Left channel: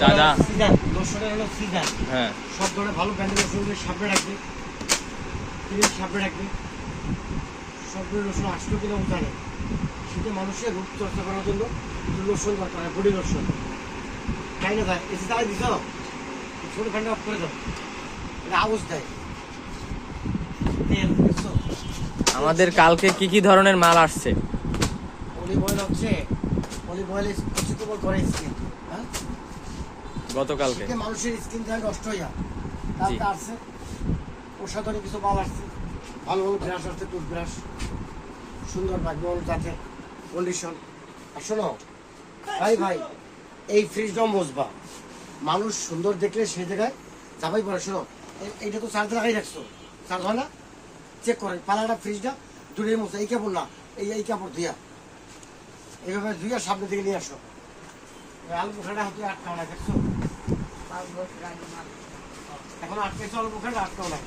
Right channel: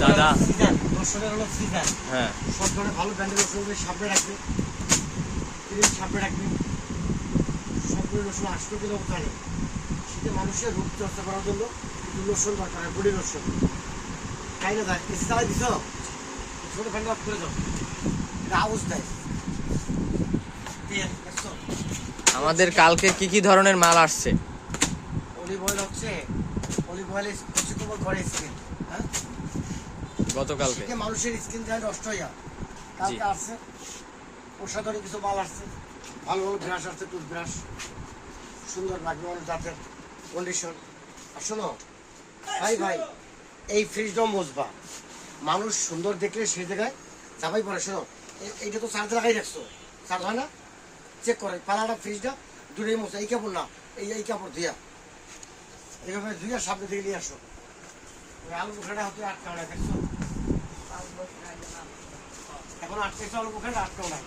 দাদা সিজন লোশনের হলো সিজন। হ্যাঁ, সব ধরনের ভালো ব্র্যান্ডের লোশনগুলো সামনে রাখবে, সামনে রাখবে। সবগুলো লোশন 8 কিলো ওখানে শীতে মানুষের রূপ চর্চা করার জন্য কিন্তু লোশন দরকার হয়, বডি লোশন। তাই না ভাই? এসি চালাই দিছ, ছোট ফ্যানটা অফ করে দাও, এটা আওয়াজ দেয়। তেল দেখছো? আমাদের কালকে কি কি ধরনের মাল আসছে? অলিভ অয়েল হচ্ছে, অলিভ অয়েল প্রচুর করে স্কিন। হ্যাঁ, গতকালকে শীতে মানুষের স্কিন যায় নষ্ট হয়ে যায়। কালকে আসছে অসাধারণ কিছু মাল আসছে, ভালো ভালো ব্রাশ আসছে, টুথব্রাশ সুন্দর লাগবে অনেক জাতের কন্ডিশন। আর শোনো ভাই ভাই, এই ফ্রিজটাও মজবা, মানুষ সুন্দর দেখলে সেই জায়গায় চাপাই পড়ে। শোনো এইটা তো চার্জ লাগাই রাখছো, চার্জ হয় না, চেক করে পালাটা ফ্রিজটা দূরে মজা। এই কাপড় না, এই কাপড় ধুয়া এইভাবে ধুয়া সামনে দিকে নিয়ে আসো। আলু বোখাটা হাতে আটকাও না, দেখছো এখন আটকেছে, আলু বোখাটা আটকাও না।